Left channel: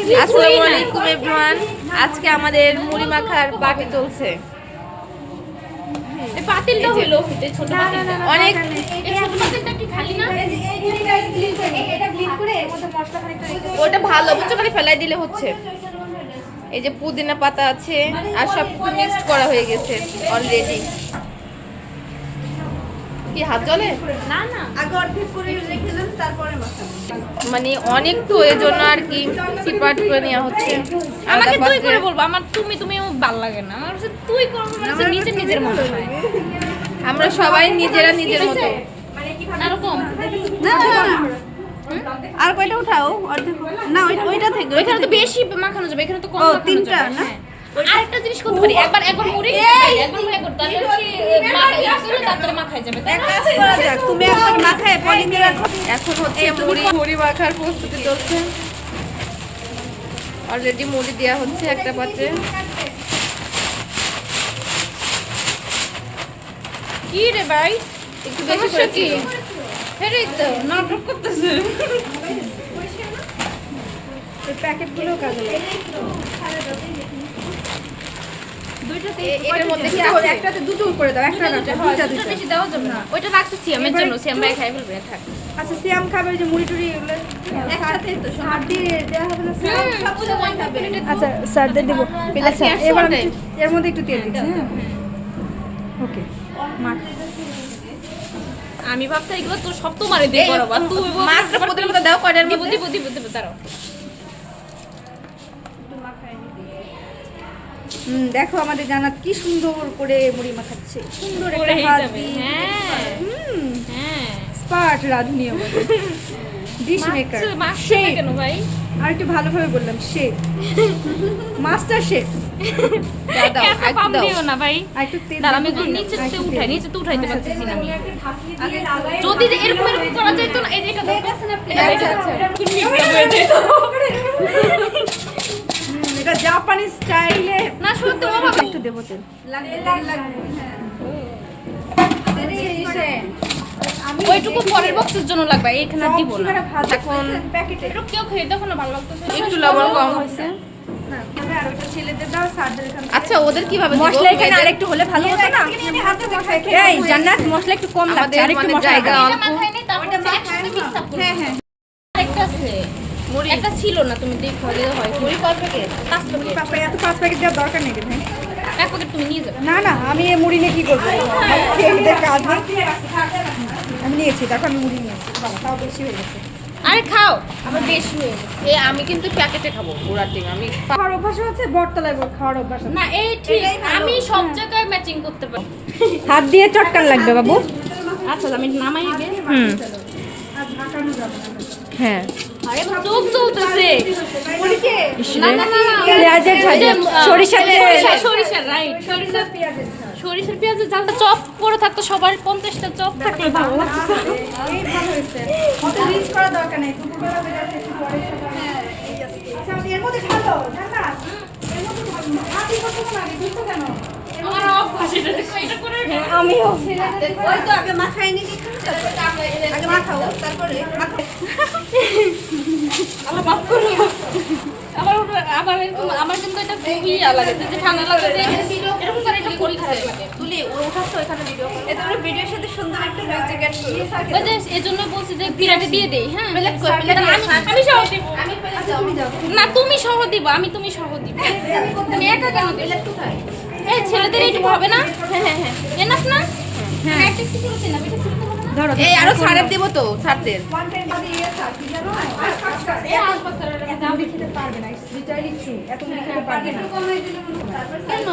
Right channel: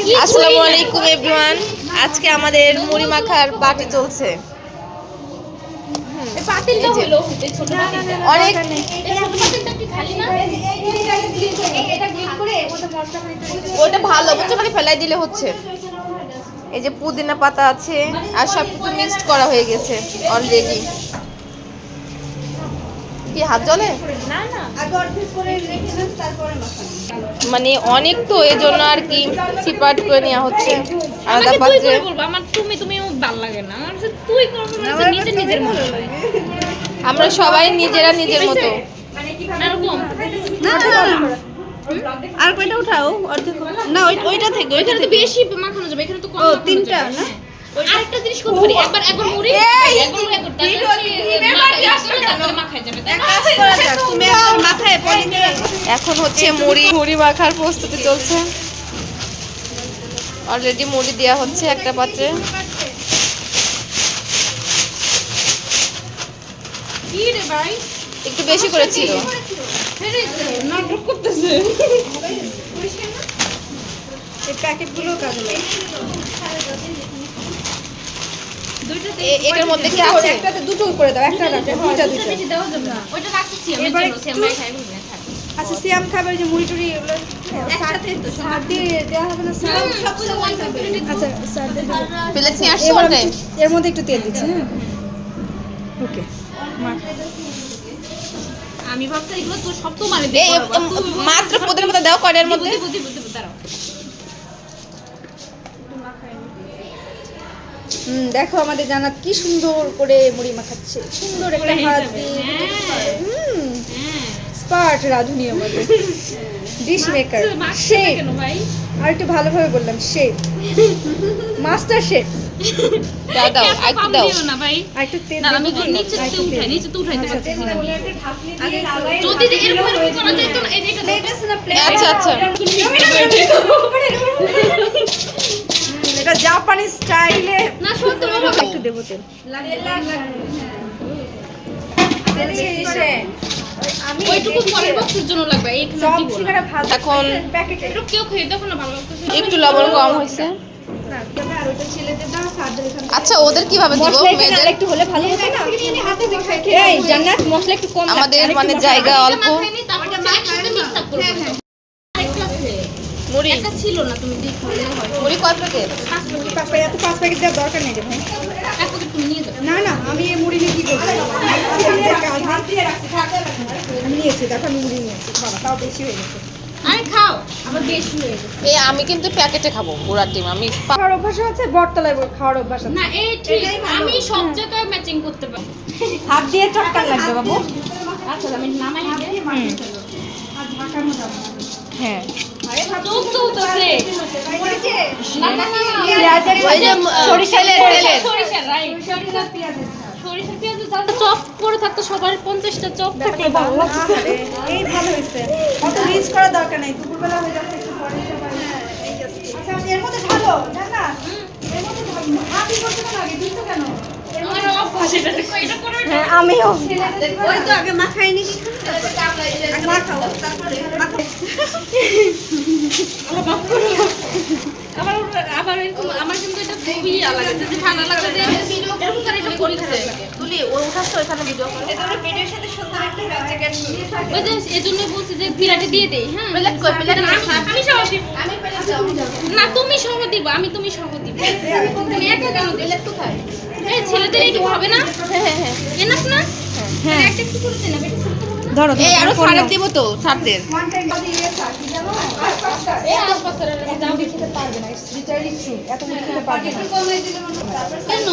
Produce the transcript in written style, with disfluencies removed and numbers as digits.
আসসালামু আলাইকুম এভরিওয়ান। আজকে আমাদের মুড়ি মাখার পার্টি চলছে। অনেক ওটা ভালো বুঝছো, খালি ফেলাই দিলে হচ্ছে। এই যে পুদিনা পাতা আছে আর সব কিছু মিক্সড করা হয়ে গেছে অলরেডি। কি হাত জলে মানে অনেক, তো এই জন্য আর কি সিপারেট করে নেওয়া হচ্ছে আলাদা পাত্রে। আমরা সবাই নিজেরা নিজের মতো। আর কয়টা উঠাও অর্ধেক না, ওইটা থেকে ওইখানে তো বেশি মাখানো যাবে, এখানে তো কম মাখানো যাবে। তিনটা না, আরেকটা জিনিস করতে পারি, একবার মুড়ি একবার করতে তারপরে মাখাই যাবে। এক কাজ করা যাক, তুমি একবার মাখায় পরে নিয়ে এখন হচ্ছে মুড়ি মাখার প্রস্তুতি চলছে। অলরেডি মুড়ি দেওয়া হচ্ছে একটা পাত্রে। কি রে ভাই, একটু বেশি করেছিল। এই প্যাকেটগুলো কাজে লাগে। এটার মধ্যে কি আছে? একটাতে দুটো করে দাও, একটা রাখো, দুইটা না ওইটা রাখছি সিয়ামের জন্য, সিয়াম ভাই খাই বলবে থাক। আচ্ছা সিয়াম খাবে, যে মুড়ি টুড়ি এগুলো সার দিয়ে দেওয়া হবে না? স্যার আচ্ছা স্যার দিয়ে দেবো। প্লেট নিয়ে আসছি এবার ওটাই। এর মধ্যে একটু তেল দিচ্ছি। হ্যাঁ ওকে, আমি ভাবছি এগুলো তো সব তোমারে এই দেব মাত্র পুদিনা পাতা দাও কড়াইয়ের মধ্যে। দেখো আমাদের জান্নাত কি সুন্দর করে মুড়ি মাখাচ্ছে, সুন্দর একটা হাত দিয়ে। স্পার্ট রাঁধুনি আমাদের, ডিশ মেকার, শেফ। আর একটু ভালোভাবে বললাম, শেফ, মাস্টার শেফ। দাও দাও একটু দাও। না ভাই, আর একটু তেল না দেবো আমি কি? নিচে আর একটু তেল। নিচে তো উঠাই আচ্ছা, আচ্ছা, যদি এরকম করা যায় তো এটা আচ্ছা আচ্ছা, এটা জাপানি স্টাইলে। না সত্যি একটু দেবো তেল। আমি ওইটুকু পরের বক্সের জন্য লাগবে, এইখানে সব দিব না। সিঙ্গারা ভাজা এখন প্যাকেটে। এটা কেউ খেয়ে দেখো না, ভালো লাগতেছে একটু লবণ কম হয়েছে। না তবে আর ওইটা ছেলেদের দাও, সার্জারি এখানে। আচ্ছা ওদের কিভাবে দিব? মেয়েদের একটু হলে ভালো হবে না? আমি হাতে দিয়ে খাই। এই জান্নাত মশলা একটু কম, আমাদের মানে জায়গা অল্প। তারপরে একসাথে মিক্স আপ করব। একটা আছে, মুড়ি একটা ছিল না, তুমি দেখো দিলে হয়। মুড়ি কত প্যাকেট? 5 মিনিট এত 5 প্যাকেট দেওয়ার দরকার নেই রে ভাই। এত তুমি নিয়ে যাবে। না না, আমি এই মুড়ি নিয়ে কি করব? আমি নিয়েছি, দেখো আমি মুড়ি নিয়েছি। বাবা তাও বেশি হয়ে গেছে। আরে খাও, আমার বেশি হয়ে গেছে। এই আমি কিন্তু প্যাকেটে খাবো পুরা টিম। আমি খাওয়ার অভ্যাস আছে, বটতলায় খাওয়ার অভ্যাস আছে। না এই ঠিক, আমি সব জায়গায় ম্যাচিং করতে পারি। হাত দিয়ে চটকান লাগবে বাবু। আচ্ছা আমি নামাই দিলে। হ্যাঁ চোখ চলতেছে। পেঁয়াজের সরিষার তেল। সরিষা রাইট, সরিষা পেঁয়াজের জালটা চপ করে থাকতো, সবার 50টা চপ থাকতো। এই ভালো হয়েছে, অত মিক্স করার দরকার নাই, দুপুরবেলা হয়ে যাচ্ছে একটু পরে সবাই। আচ্ছা আমি এর মধ্যে ঢালো, ঢাকা এর মধ্যে ঢালো, ভাবি করতে লাগে দুটো কেন? আমার অভ্যাস এটা করে। হ্যাঁ আমিও। ওই তো আগে মাখাই নি, মাখাও তারপরে মাখাও। আমার কিন্তু এটা খুবই আলাদা, যদি ভালো লাগে যে এরকম করে এটা করি খারাপ লাগে। তুলি ও উঠাচ্ছ এখানে ভিডিও করে। এটা আমরা ভিডিওর সাথে সুন্দর একটা জায়গা নিয়ে থাকি। ওই যে এজন্য বলছি যে বিরাটে দিয়ে দেই। হ্যাঁ প্লেট কই? প্লেট আমি সহ দিব। না তুমি সহ দিব, তুমি সহ দিব। তুমি একা কেন দিলে? প্লেট কোথায়? এই ছেলেদের এইটুকু হবে না? হ্যাঁ হ্যাঁ হ্যাঁ এনাফ না? হ্যাঁ একটা একটু করে দিন, এটা ছোট হবে না? ধরো এই আরো ছাড়ের দিব তো, ছাড়দের। ওয়ান টাইম দিয়ে থাকি জানো, এই আশপাশের এত মুড়ি খেতে পারবে না, ইটস লিটারালি ট্রু, এত মুড়ি খেতে পারবে না। কেন?